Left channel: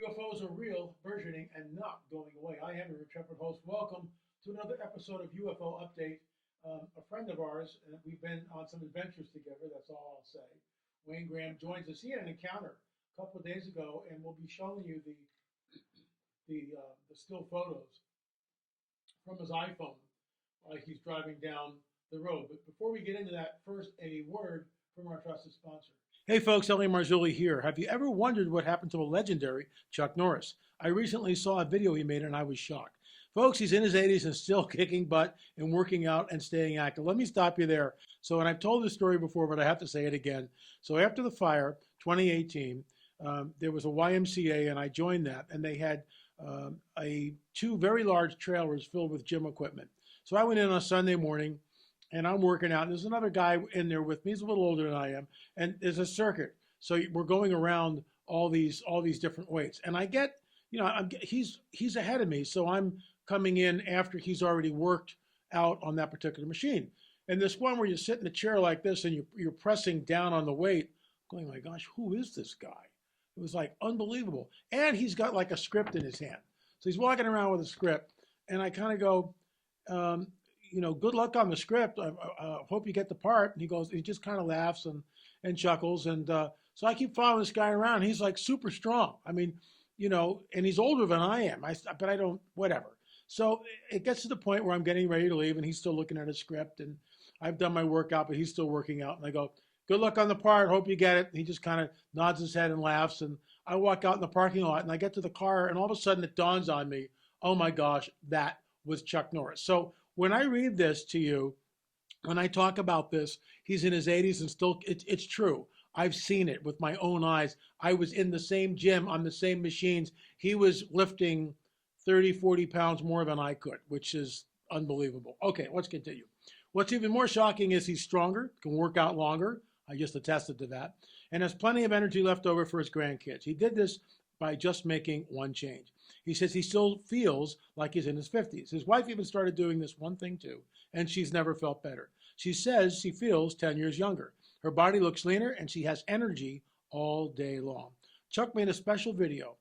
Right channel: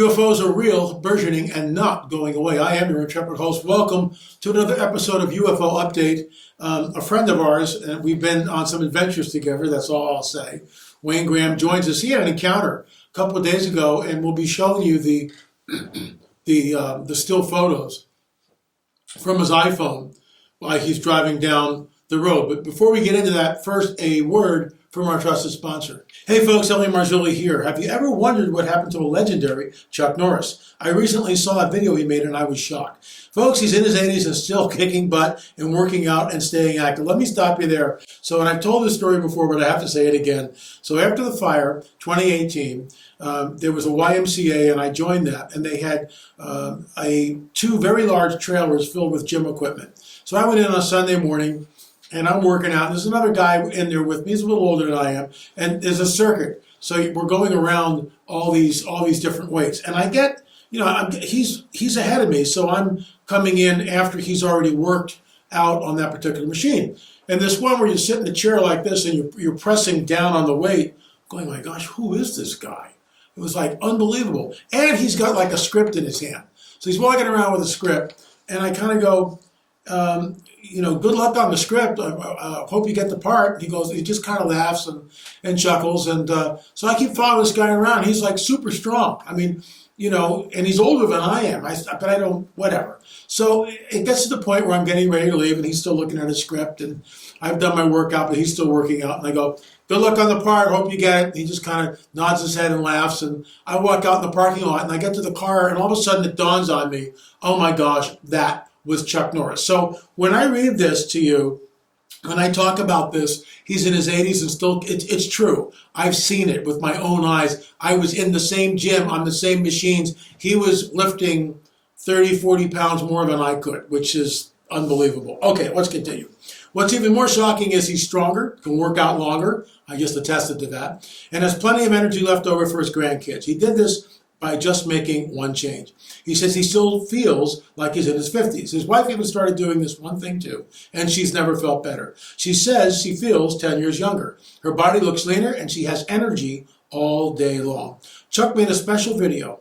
UFOs are real, burgeoning, and not going away. I am your intrepid host. Welcome to another episode of UFO Update. A friend of ours, and we've been on some adventures together, that's all I'll say. Wayne Graham joins us. He had an encounter a couple of days ago, and we'll be showing you the still photos from his iPhone while he's driving down the road. But before we get into that, first a word from our trusted sponsor. Hey folks, Marzulli here. Have you ever wondered what happened to a legendary Chuck Norris? I recently saw a video he made and I was shocked. Folks, he's in his 80s and still kicking butt and working out and staying active. Let me stop you there. So, and I've told this story before, but I have to say it again. So after the fire, 2018, there was a YMCA and I joined that, and they had two very large trailers filled with gym equipment. So I went in on Sunday morning and I'm working out. There's another guy in there with me. He's a little older than I am, and there's a circuit. So we're going around all these different weights, and I get, he's ahead of me, so I'm coming in after he's already worked out on that particular machine. And this one where you sit in a chair like this and you're pressing down on the weight, going, my gosh, who is this guy? It was like unbelievable. And he's got like a script in his hand. So he's walking around with a script, and I kind of go, good luck on the script. I hope you get the part. And he goes, he just kind of laughs and chuckles. And so I keep following this guy around. He's like super strong. I mean, and he's older than I am. But I don't, whatever. So it gets to the point where I'm getting ready to leave, and he's still looking at his script. And I've done my workout, but he's still working out. And I go, good luck on the part. Hope you get it. He just kind of nods his head and laughs. And I walk out in the parking lot, and I get to the car, and all of a sudden it dawns on me, oh my gosh, that was Chuck Norris. So when I read this to you, when I talk about this, he's in his 80s and still, it's true. I've seen it with my own eyes. I was in the same gym on the same machines. He was lifting 30, 40 pounds more than I could, which is unbelievable. Okay, let's continue. What's even more shocking is he's stronger, can work out longer. I just attested to that. And has plenty of energy left over for his grandkids. He did this by just making one change. He says he still feels like he's in his 50s. His wife even started doing this one thing too, and she's never felt better. She says she feels 10 years younger. Her body looks leaner, and she has energy all day long. Chuck made a special video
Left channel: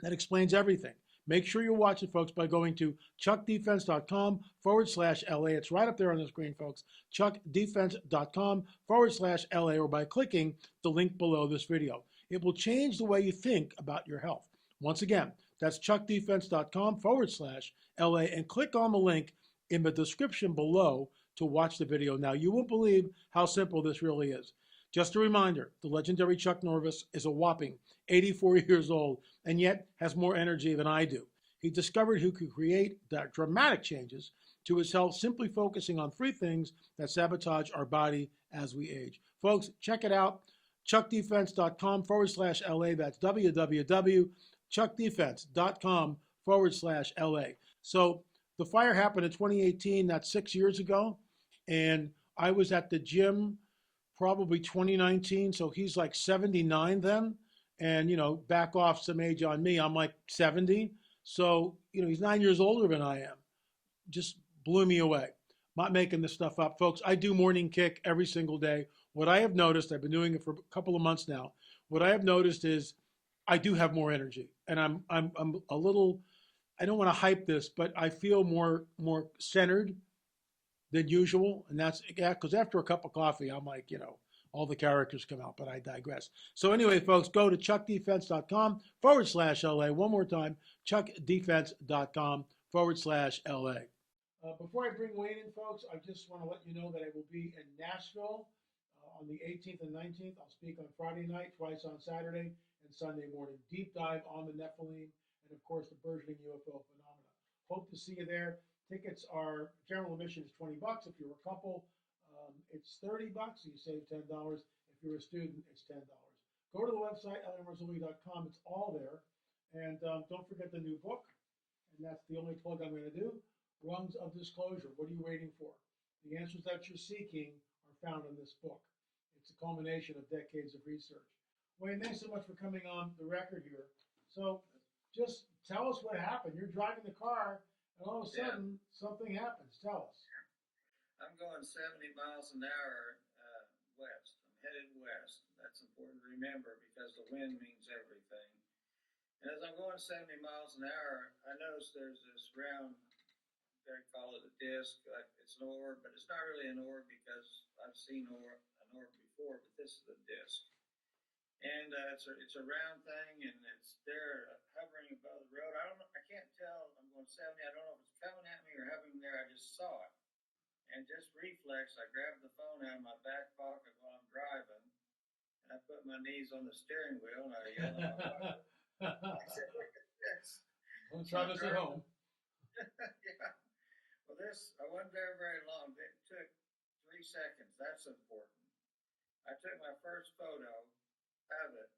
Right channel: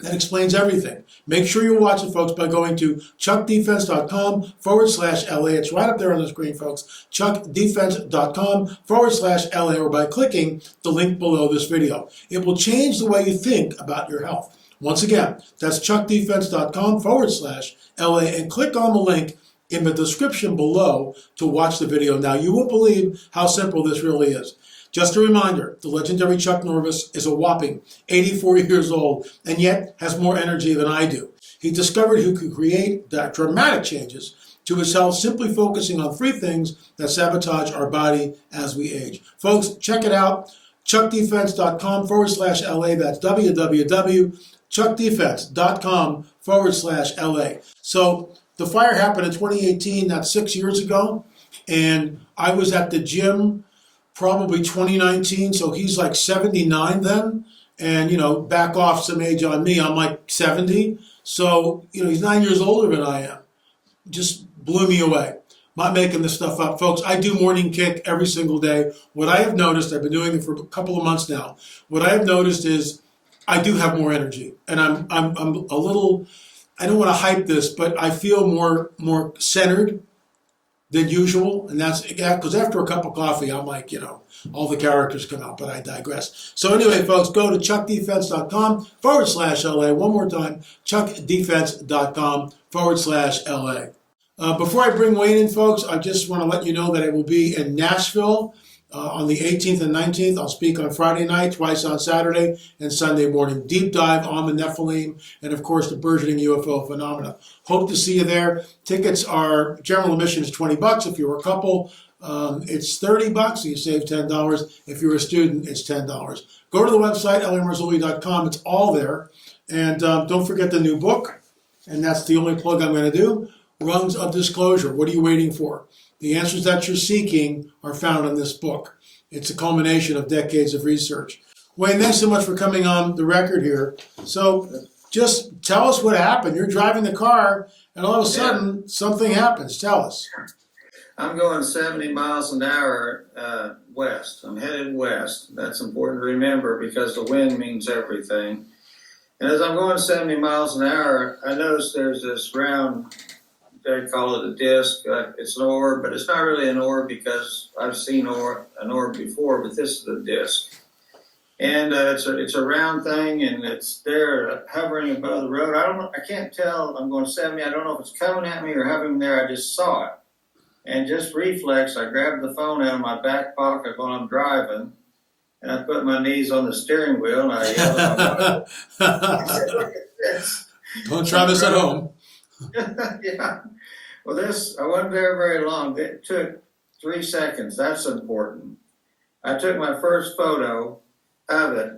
that explains everything. Make sure you watch it, folks, by going to chuckdefense.com/LA. It's right up there on the screen, folks. chuckdefense.com/LA, or by clicking the link below this video. It will change the way you think about your health. Once again, that's chuckdefense.com/LA, and click on the link in the description below to watch the video. Now, you won't believe how simple this really is. Just a reminder, the legendary Chuck Norris is a whopping 84 years old and yet has more energy than I do. He discovered he could create dramatic changes to his health simply focusing on three things that sabotage our body as we age. Folks, check it out, chuckdefense.com/LA. That's www.chuckdefense.com/LA. So the fire happened in 2018, that's 6 years ago, and I was at the gym probably 2019, so he's like 79 then, and back off some age on me, I'm like 70, so he's 9 years older than I am. Just blew me away. Not making this stuff up, folks. I do morning kick every single day. What I have noticed, I've been doing it for a couple of months now, what I have noticed is I do have more energy, and I'm a little, I don't want to hype this, but I feel more centered than usual, and that's because after a cup of coffee, I'm like, all the characters come out, but I digress. So anyway, folks, go to chuckdefense.com/LA. One more time, chuckdefense.com/LA. Before I bring Wayne in, folks, I just want to let you know that I will be in Nashville on the 18th and 19th. I'll speak on Friday night, twice on Saturday, and Sunday morning. Deep dive on the Nephilim and, of course, the burgeoning UFO phenomena. Hope to see you there. Tickets are, general admission is $20. If you're a couple, it's $30, so you save $10. If you're a student, it's $10. Go to the website, lamarzulli.com. It's all there. And don't forget the new book, and that's the only plug I'm going to do. Rungs of Disclosure. What are you waiting for? The answers that you're seeking are found in this book. It's a culmination of decades of research. Wayne, thanks so much for coming on the record here. So just tell us what happened. You're driving the car, and all of a sudden, something happens. Tell us. I'm going 70 miles an hour west. I'm headed west. That's important to remember because the wind means everything. And as I'm going 70 miles an hour, I notice there's this round, they call it a disc. It's an orb, but it's not really an orb because I've seen an orb before, but this is a disc. And it's a round thing, and it's there hovering above the road. I can't tell. I'm going 70. I don't know if it's coming at me or hovering there. I just saw it. And just reflex, I grabbed the phone out of my back pocket while I'm driving, and I put my knees on the steering wheel, and I yelled at my wife. I said, "Look at this." Don't try this at home. Yeah. Well, I wasn't there very long. It took 3 seconds. That's important. I took my first photo of it,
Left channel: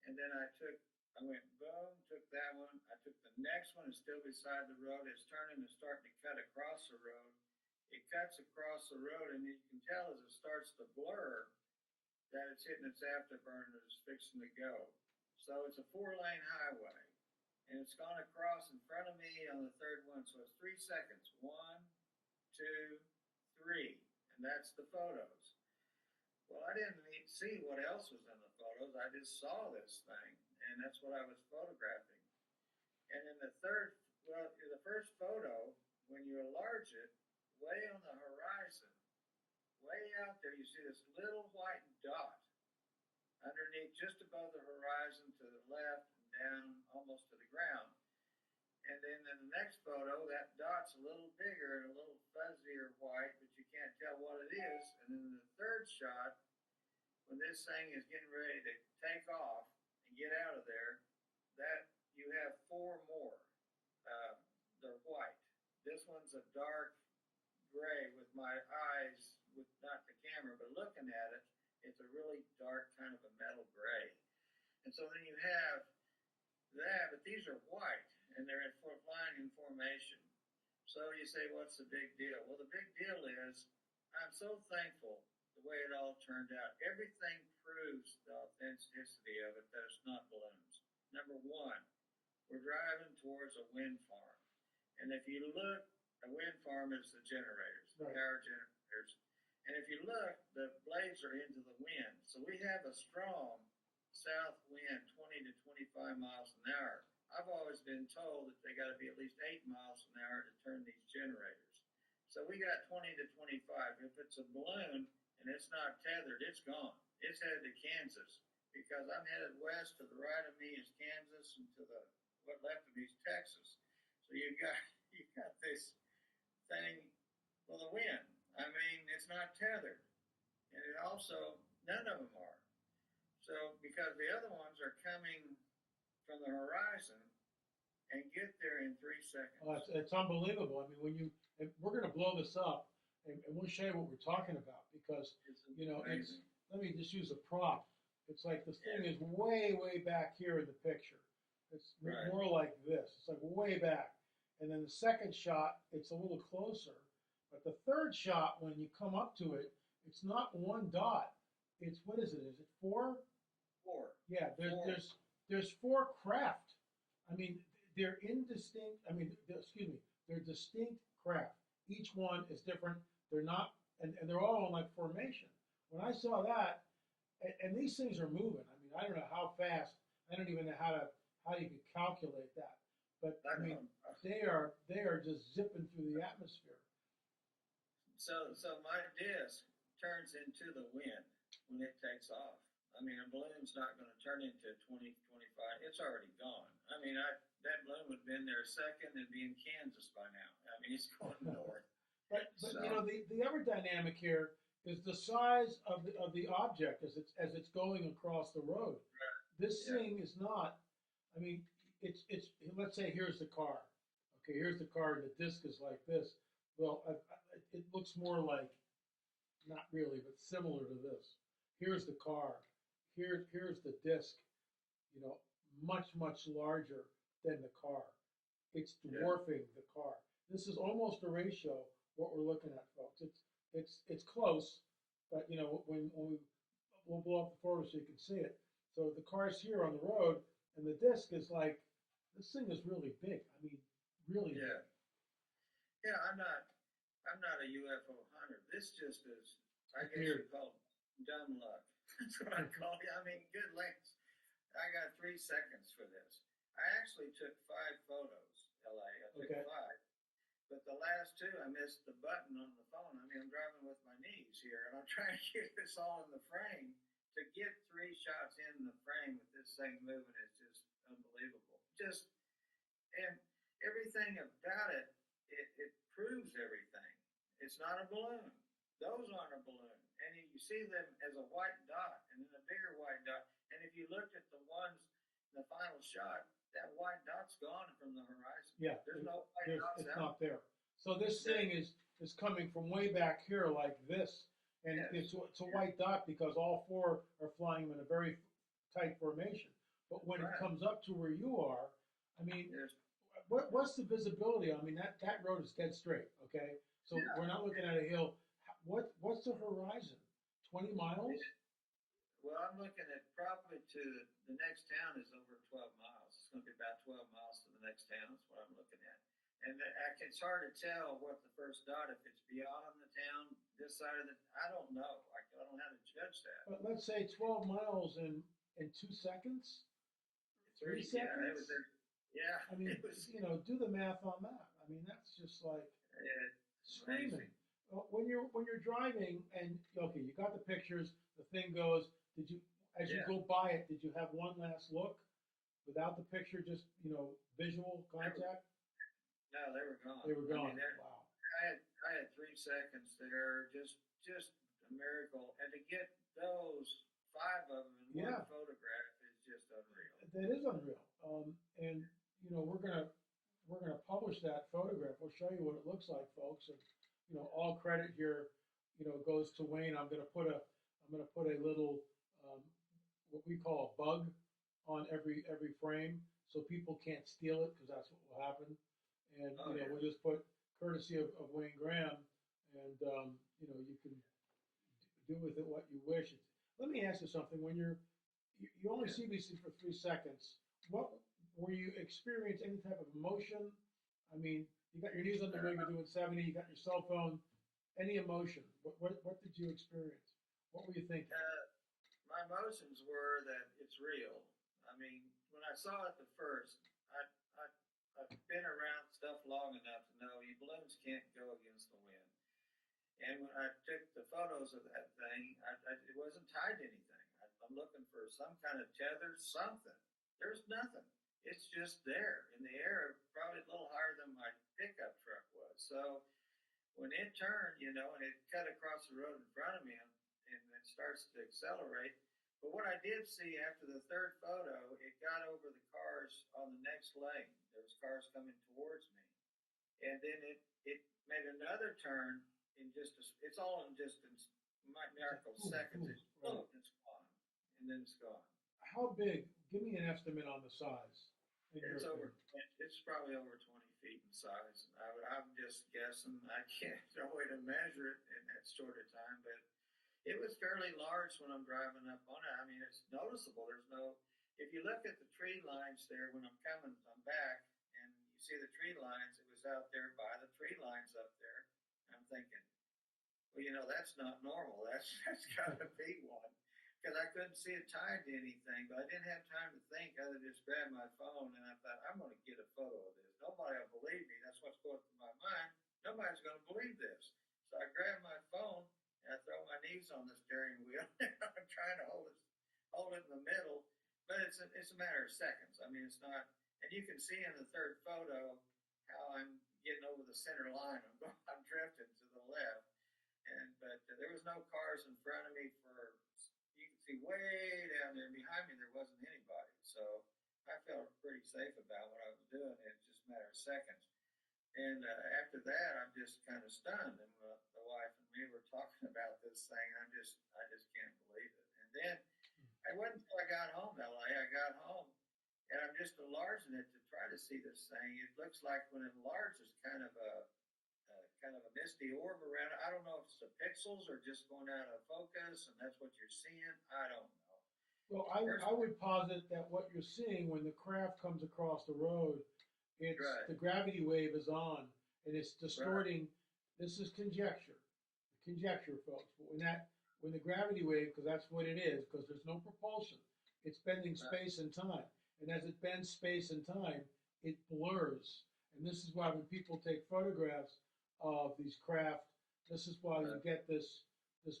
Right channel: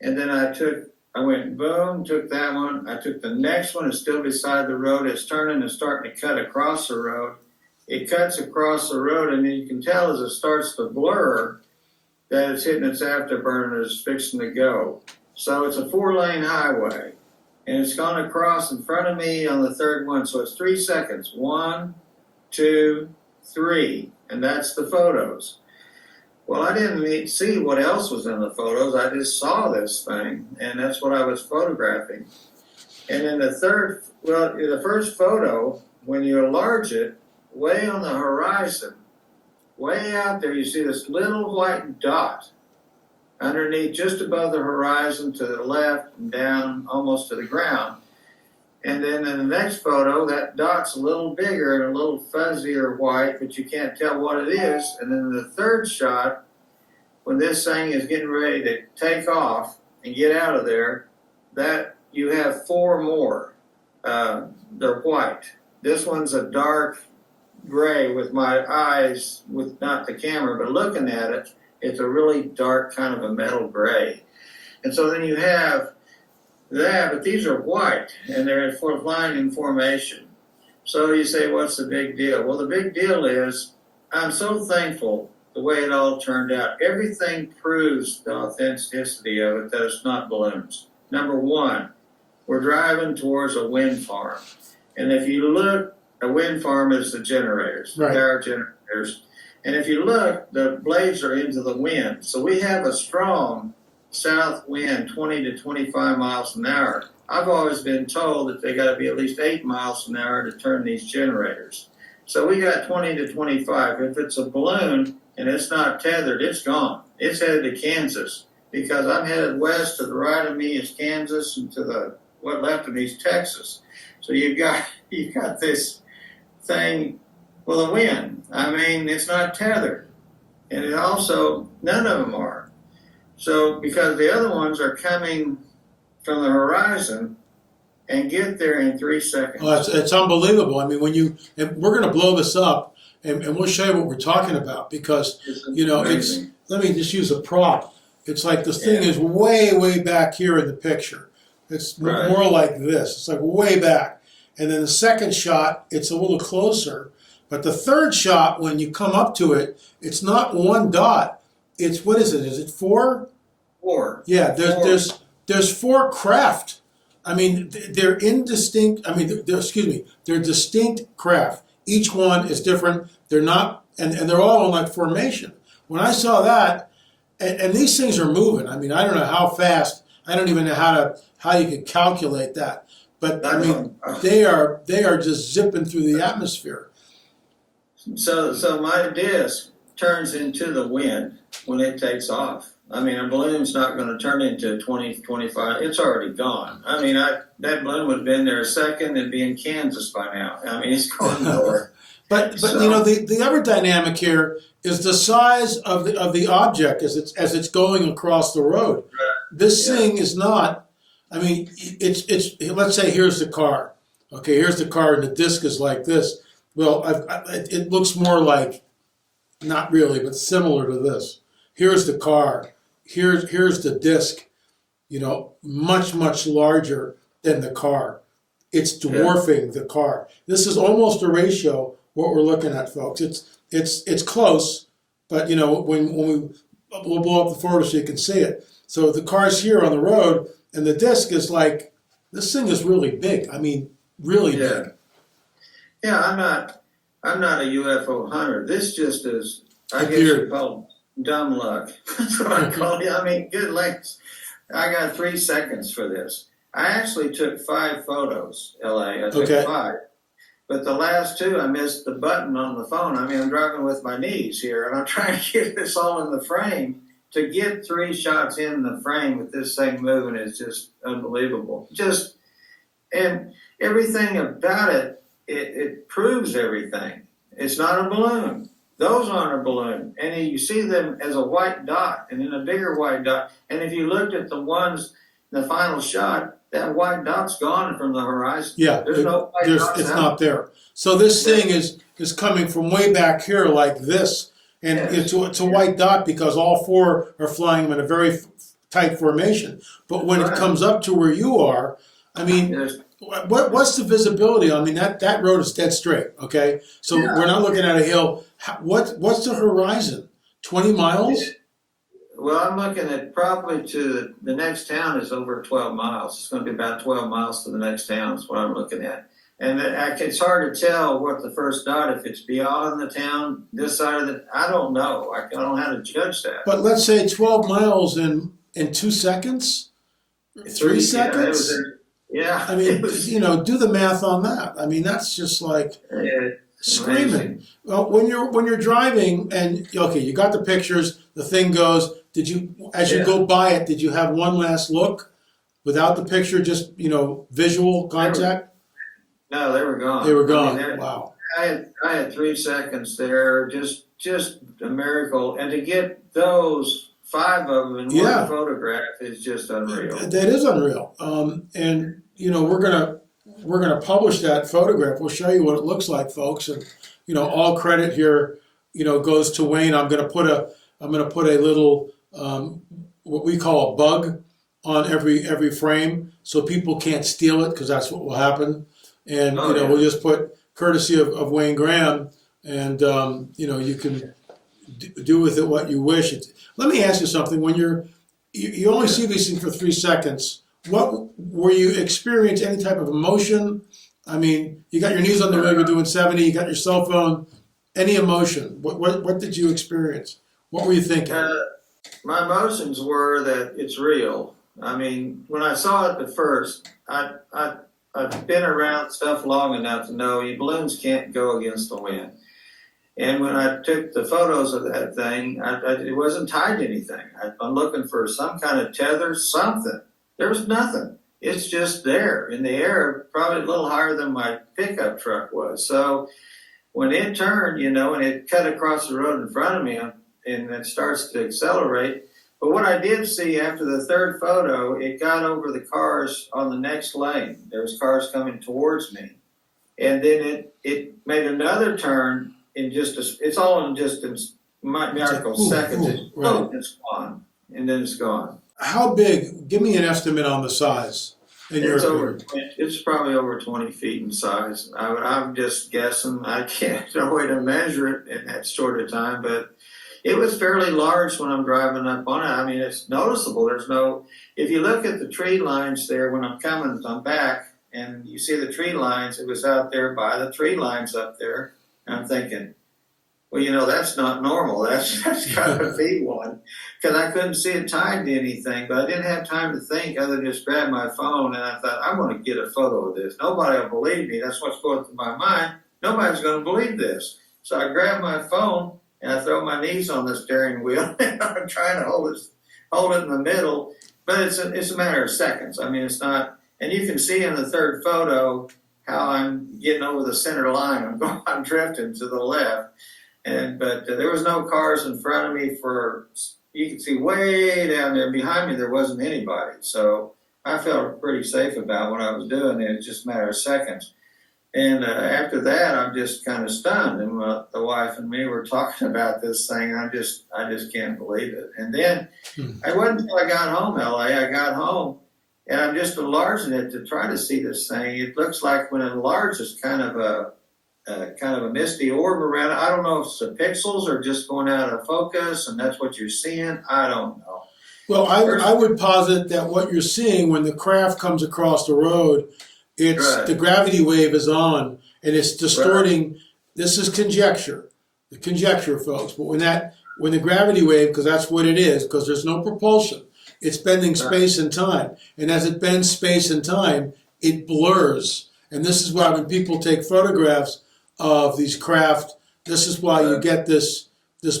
and then I went boom, took that one. I took the next one. It's still beside the road. It's turning and starting to cut across the road. It cuts across the road, and then you can tell as it starts to blur that it's hitting its afterburner and it's fixing to go. So it's a 4-lane highway, and it's gone across in front of me on the third one. So it's 3 seconds. 1, 2, 3, and that's the photos. Well, I didn't see what else was in the photos. I just saw this thing, and that's what I was photographing. And then the first photo, when you enlarge it, way on the horizon, way out there, you see this little white dot underneath, just above the horizon to the left and down almost to the ground. And then in the next photo, that dot's a little bigger and a little fuzzier white, but you can't tell what it is. And then the third shot, when this thing is getting ready to take off and get out of there, that you have 4 more. They're white. This one's a dark gray with my eyes, with not the camera, but looking at it, it's a really dark kind of a metal gray. And so then you have that, but these are white, and they're flying in formation. So you say, what's the big deal? Well, the big deal is I'm so thankful the way it all turned out. Everything proves the authenticity of it, that it's not balloons. Number one, we're driving towards a wind farm. And if you look, a wind farm is the generators, Right. power generators. And if you look, the blades are into the wind. So we have a strong south wind, 20 to 25 miles an hour. I've always been told that they got to be at least 8 miles an hour to turn these generators. So we got 20 to 25. If it's a balloon and it's not tethered, it's gone. It's headed to Kansas, because I'm headed west. To the right of me is Kansas, and to the what left of me is Texas. So you've got this thing with a wind. I mean, it's not tethered, and it also, none of them are. So because the other ones are coming from the horizon and get there in 3 seconds. Oh, it's unbelievable. I mean, and we're going to blow this up, and we'll show you what we're talking about, because, Amazing. let me just use a prop. It's like this thing is way, way back here in the picture. It's Right. more like this. It's like way back. And then the second shot, it's a little closer. But the third shot, when you come up to it, it's not one dot. It's, what is it? Is it 4? 4. Yeah, Four. there's 4 craft. I mean, they're indistinct. I mean, they're distinct craft. Each one is different. They're not, and they're all in like formation. When I saw that, and these things are moving. I mean, I don't know how fast. I don't even know how you could calculate that. But I mean, they are just zipping through the atmosphere. So my disc turns into the wind when it takes off. I mean, a balloon's not going to turn into 20, 25. It's already gone. I mean, that balloon would have been there a second and be in Kansas by now. I mean, it's going nowhere. But the other dynamic here is the size of the object as it's going across the road. This thing is not. I mean, it's let's say here's the car. Okay, here's the car, and the disc is like this. Well, it looks more like, not really, but similar to this. Here's the car. Here's the disc. Much, much larger than the car. It's dwarfing the car. This is almost a ratio. What we're looking at, folks. It's close, but when we'll blow up the photo so you can see it. So the car's here on the road, and the disc is like, this thing is really big. I mean, really big. Yeah, I'm not a UFO hunter. This just is, I guess you call it dumb luck. That's what I call it. I mean, good lengths. I got 3 seconds for this. I actually took 5 photos, LA. I took Okay. 5. But the last 2, I missed the button on the phone. I mean, I'm driving with my knees here, and I'm trying to get this all in the frame. To get 3 shots in the frame with this thing moving is just unbelievable. And everything about it, it proves everything. It's not a balloon. Those aren't a balloon. And you see them as a white dot and then a bigger white dot. And if you looked at the ones, the final shot, that white dot's gone from the horizon. Yeah, There's no white dots it's out. not there. So this thing is coming from way back here like this, and Yes. it's a white dot because all 4 are flying in a very tight formation. But when it Right. comes up to where you are, I mean, Yes. what's the visibility? I mean, that road is dead straight, okay? So Yeah. we're not looking at a hill. What's the horizon? 20 miles? Well, I'm looking at probably to the next town is over 12 miles. It's going to be about 12 miles to the next town is what I'm looking at. And it's hard to tell what the first dot, if it's beyond the town, this side of I don't know. I don't know how to judge that. But let's say 12 miles in 2 seconds? 3 seconds? Yeah. I mean, you know, do the math on that. I mean, that's just like screaming. Amazing. Well, when you're driving and okay, you got the pictures, the thing goes. Did you, as you go by it, did you have one last look without the picture, just visual contact? No, they were gone. They were gone. I mean, Wow. I had 3 seconds there, just a miracle, and to get those 5 of them in one photograph is just unreal. That is unreal. And we're gonna publish that photograph. We'll show you what it looks like, folks. And all credit here, goes to Wayne. I'm gonna put a little what we call a bug on every frame, so people can't steal it, because that's what will happen. And we'll just put courtesy of Wayne Graham, and you can do with it what you wish. Let me ask you something. When you only see these things for 3 seconds, what were you experience any type of emotion? I mean, you got your knees on the wheel, you're doing 70, you got your cell phone. Any emotion? What did you experience? What were you thinking? My emotions were that it's real. I mean, when I saw it at first, I've been around stuff long enough to know balloons can't go against the wind. And when I took the photos of that thing, it wasn't tied to anything. I'm looking for some kind of tether, something. There was nothing. It's just there in the air, probably a little higher than my pickup truck was. So when it turned, and it cut across the road in front of me, and it starts to accelerate. But what I did see after the 3rd photo, it got over the cars on the next lane. There was cars coming towards me. And then it made another turn in it's all in just seconds. Right. It's gone. And then it's gone. How big? Give me an estimate on the size. It's probably over 20 feet in size. I'm just guessing. I can't, no way to measure it in that short of time, but it was fairly large when I'm driving up on it. I mean, it's noticeable. If you look at the tree lines there when I'm back, and you see the tree lines, it was out there by the tree lines up there. And I'm thinking, well, that's not normal. That's got to be one. Because I couldn't see it tied to anything, but I didn't have time to think other than just grab my phone, and I thought, I'm going to get a photo of this. Nobody will believe me. That's what's going through my mind. Nobody's going to believe this. So I grab my phone, and I throw my knees on the steering wheel, and I'm trying to hold it in the middle. But it's a matter of seconds. I mean, it's not, and you can see in the 3rd photo how I'm getting over the center line. I'm drifting to the left. But there was no cars in front of me you can see way down there behind me, there wasn't anybody. So I felt pretty safe about what I was doing. It was just a matter of seconds. And after that, I'm just kind of stunned. And the wife and me were talking about this thing. I just can't believe it. And then it wasn't until I got home, LA. I got home, and I'm just enlarging it to try to see this thing. It looks like when it enlarges, kind of a misty orb around it. I don't know if it's the pixels or just going out of focus, and that's what you're seeing. I don't know. Well, I would posit that what you're seeing when the craft comes across the road, the gravity wave is on, and it's distorting. Right. This is conjecture, folks. But when the gravity wave, because that's what it is, because there's no propulsion, It's bending space and time. And as it bends space and time, it blurs. And this is why when people take photographs of these craft, this is why you get this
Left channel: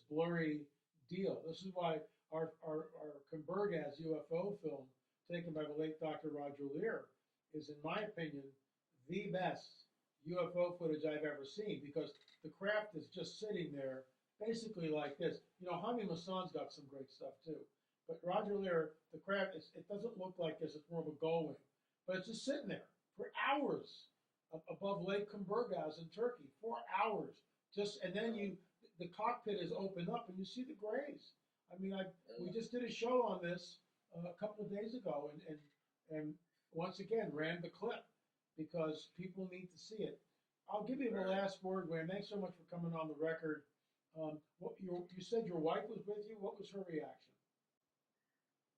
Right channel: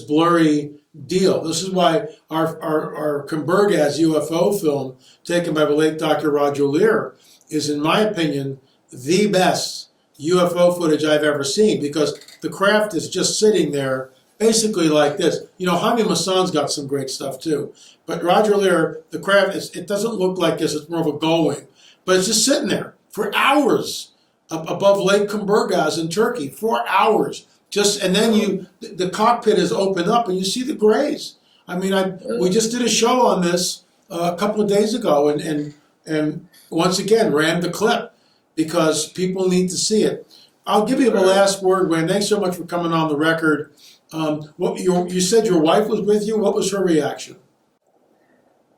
blurry deal. This is why our Kumbergaz UFO film, taken by the late Dr. Roger Lear, is, in my opinion, the best UFO footage I've ever seen, because the craft is just sitting there basically like this. You know, Jaime Maussan's got some great stuff too. But Roger Lear, the craft, it doesn't look like this, it's more of a gull-wing. But it's just sitting there for hours above Lake Kumbergaz in Turkey, 4 hours. And then the cockpit is opened up and you see the grays. I mean, we just did a show on this a couple of days ago, and once again ran the clip because people need to see it. I'll give you the last word, Wayne. Thanks so much for coming on the record. You said your wife was with you. What was her reaction?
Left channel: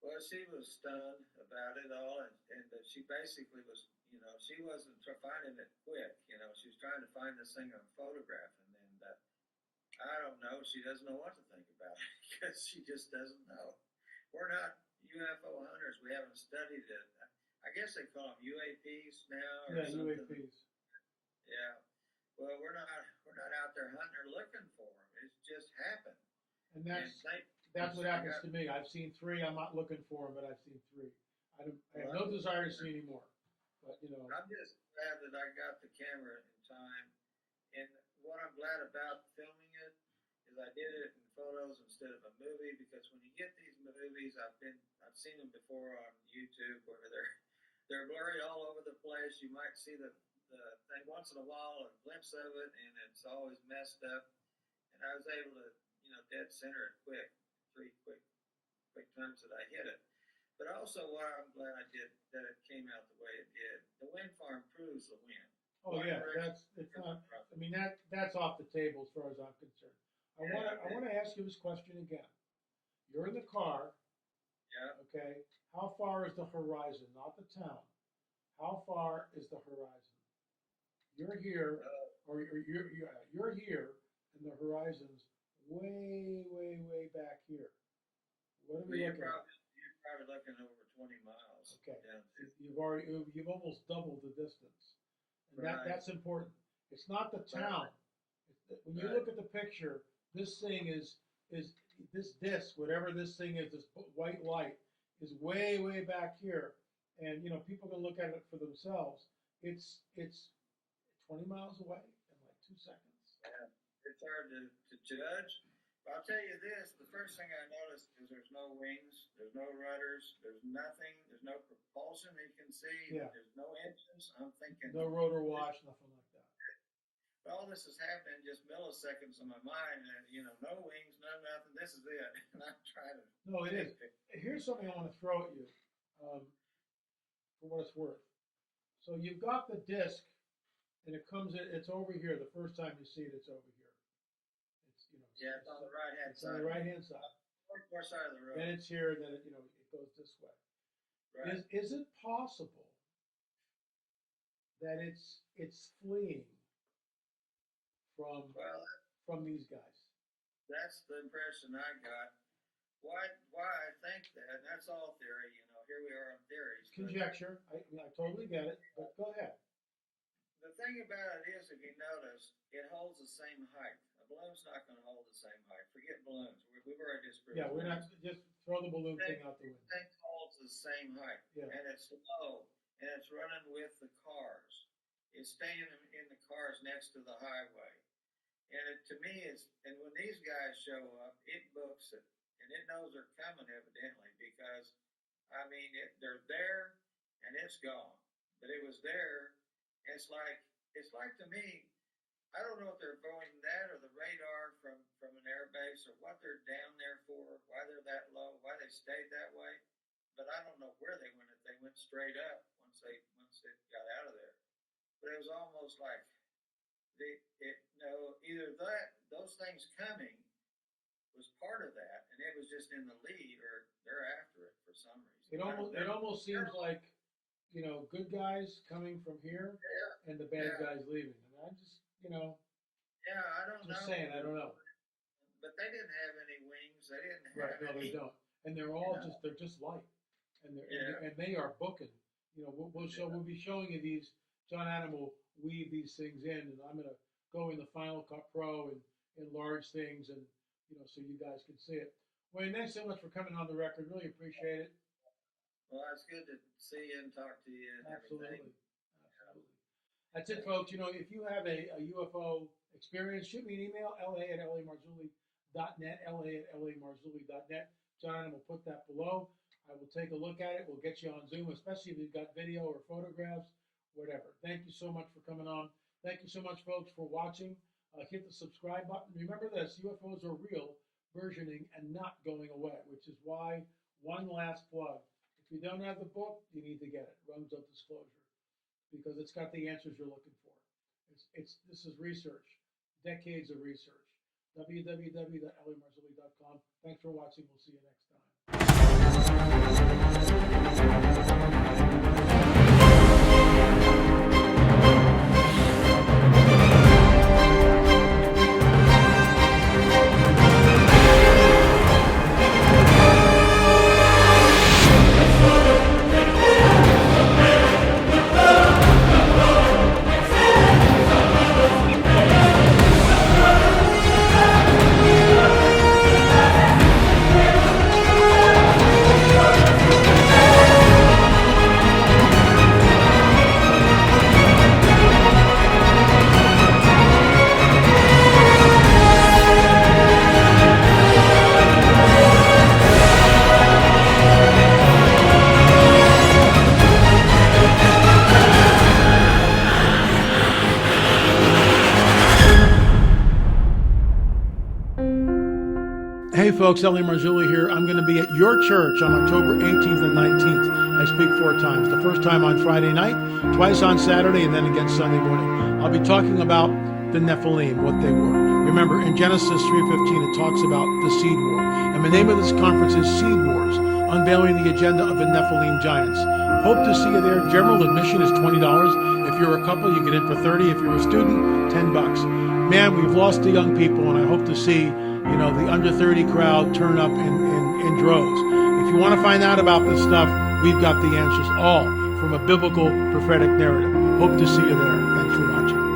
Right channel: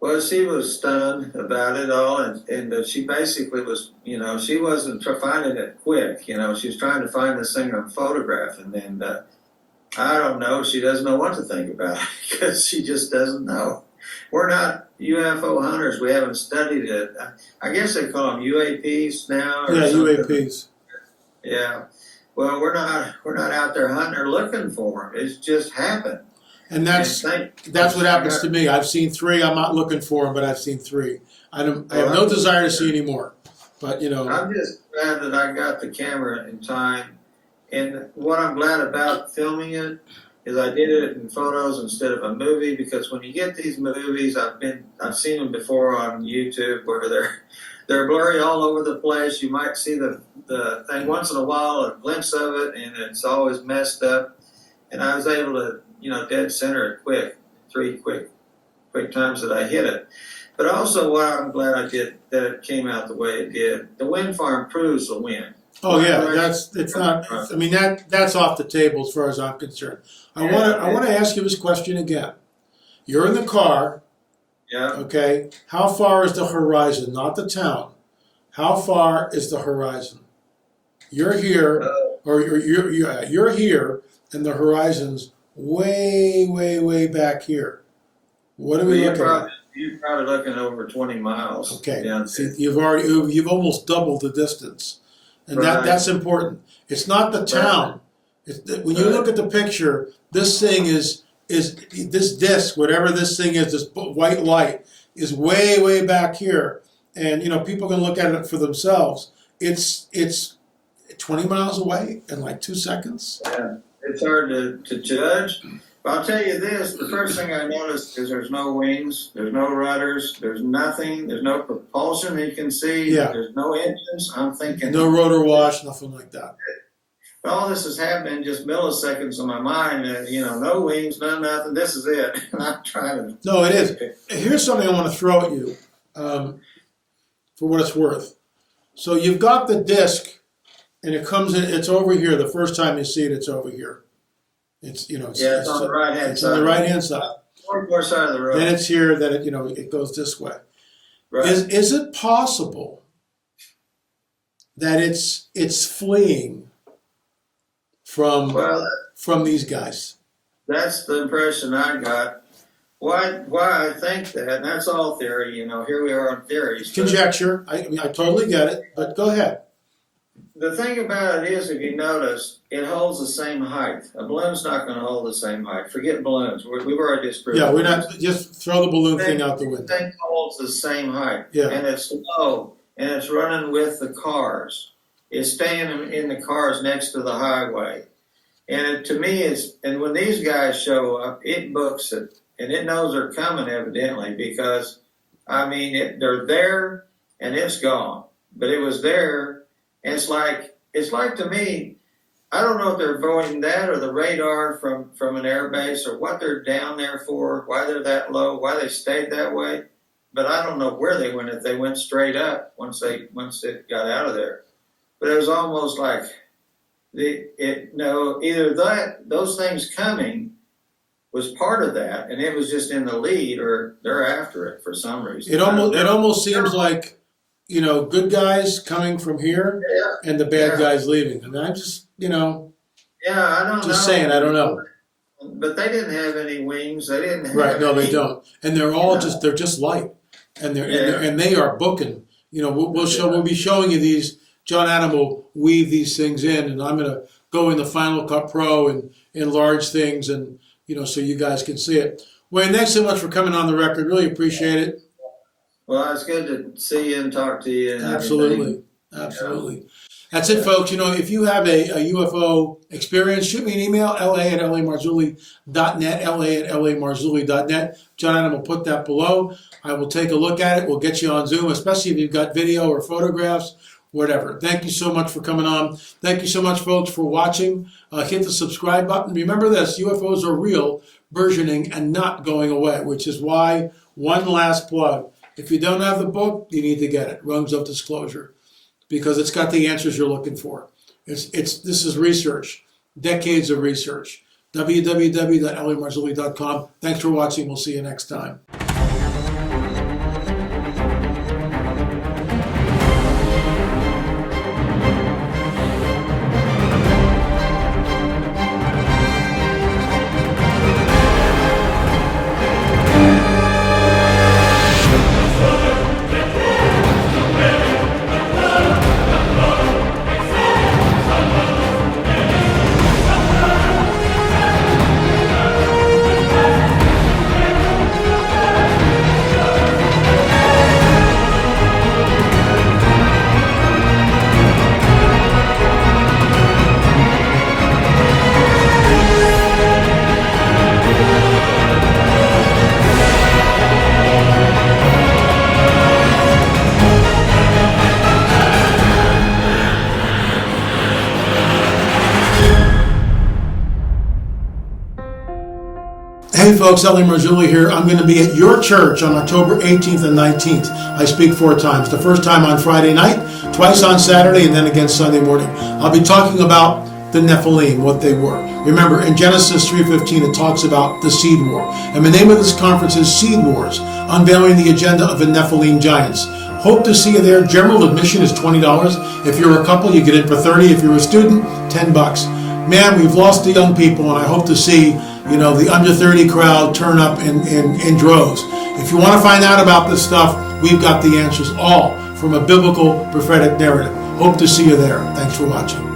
Well, she was stunned about it all, and she basically was, she wasn't finding it quick. She was trying to find this thing on photograph, and then I don't know, she doesn't know what to think about it because she just doesn't know. We're not UFO hunters. We haven't studied it. I guess they call them UAPs now. Or something. UAPs. Yeah. Well, we're not out there hunting or looking for them. It's just happened. And that's what happens to me. I've seen 3. I'm not looking for them, but I've seen 3. I have no desire to see any more. But I'm just glad that I got the camera in time. And what I'm glad about filming it is I did it in photos instead of a movie, because when you get these movies, I've seen them before on YouTube where they're blurry all over the place. You might see the thing once in a while, a glimpse of it, and it's always messed up. And I was able to, dead center it quick, 3 quick times that I hit it. But also what I'm glad I did, that it came out the way it did. The wind farm proves the wind. Oh yeah, that's off the table as far as I'm concerned. I want to ask you this question again. You're in the car. Yeah. Okay. How far is the horizon? Not the town. How far is the horizon? You're here, or you're here, and the horizon's way back here. What are we looking at? You're probably looking over 20 miles. Okay. Down See, you've almost doubled the distance, and that's important. It's not the town. When you look at the picture, this thing is this disc, whatever this thing is, this white light is way back here, and people can look at it for themselves. It's 20 miles away in like 2 seconds. Yeah, it's hard to judge. But I'll tell you this, the first thing I noticed is there's no wings, there's no rudders, there's nothing, there's no propulsion that you can see, there's no engines. I'm thinking... No rotor wash, nothing like that. But all this is happening in just milliseconds in my mind, and, no wings, no nothing, this is it. And I'm trying to... No, it is. Here's something I want to throw at you, for what it's worth. So you've got the disc, and it comes in, it's over here. The first time you see it, it's over here. It's it's on the right hand side. It's on the right hand side. More side of the road. Then it's here. Then it goes this way. Right. Is it possible that it's fleeing from these guys? That's the impression I got. Why I think that, and that's all theory. Here we are on theories. Conjecture. I totally get it. But go ahead. The thing about it is, if you notice, it holds the same height. A balloon's not going to hold the same height. Forget balloons. We've already disproved. Yeah, we're not. Just throw the balloon thing out the window. The thing holds the same height. Yeah. And it's low, and it's running with the cars. It's staying in the cars next to the highway. And to me, and when these guys show up, it books it, and it knows they're coming evidently because, they're there and it's gone, but it was there. And it's like to me, I don't know if they're avoiding that or the radar from an air base or what they're down there for, why they're that low, why they stayed that way. But I don't know where they went, if they went straight up once it got out of there. But it was almost like either those things coming was part of that, and it was just in the lead, or they're after it for some reason. It almost seems like good guys coming from here and the bad guys leaving. I mean, I just I don't know. Just saying, I don't know. But they didn't have any wings. They didn't have no, they don't. And they're all they're just light. and they are booking. You know, we'll be showing you these. John Adam will weave these things in, and I'm gonna go in the Final Cut Pro and enlarge things, and so you guys can see it. Wayne, thanks so much for coming on the record. Really appreciate it. Well, it's good to see you and talk to you. And absolutely. That's it, folks. If you have a UFO experience, shoot me an email, la@lamarzulli.net, la@lamarzulli.net. John Adam will put that below. I will take a look at it. We'll get you on Zoom, especially if you've got video or photographs, whatever. Thank you so much for coming on. Thank you so much, folks, for watching. Hit the subscribe button. Remember this, UFOs are real, burgeoning, and not going away, which is why, one last plug, if you don't have the book, you need to get it, Rungs of Disclosure, because it's got the answers you're looking for. This is research, decades of research. www.lamarzulli.com. Thanks for watching. We'll see you next time. Hey folks, L.A. Marzulli here. I'm going to be at your church on October 18th and 19th. I speak 4 times. The first time on Friday night, twice on Saturday, and then again Sunday morning. I'll be talking about the Nephilim, what they were. Remember, in Genesis 3:15, it talks about the Seed War. And the name of this conference is Seed Wars, unveiling the agenda of the Nephilim giants. Hope to see you there. General admission is $20. If you're a couple, you get in for $30. If you're a student, $10. Man, we've lost the young people, and I hope to see the under 30 crowd turn up in droves. If you want to find out about this stuff, we've got the answers, all from a biblical prophetic narrative. Hope to see you there. Thanks for watching.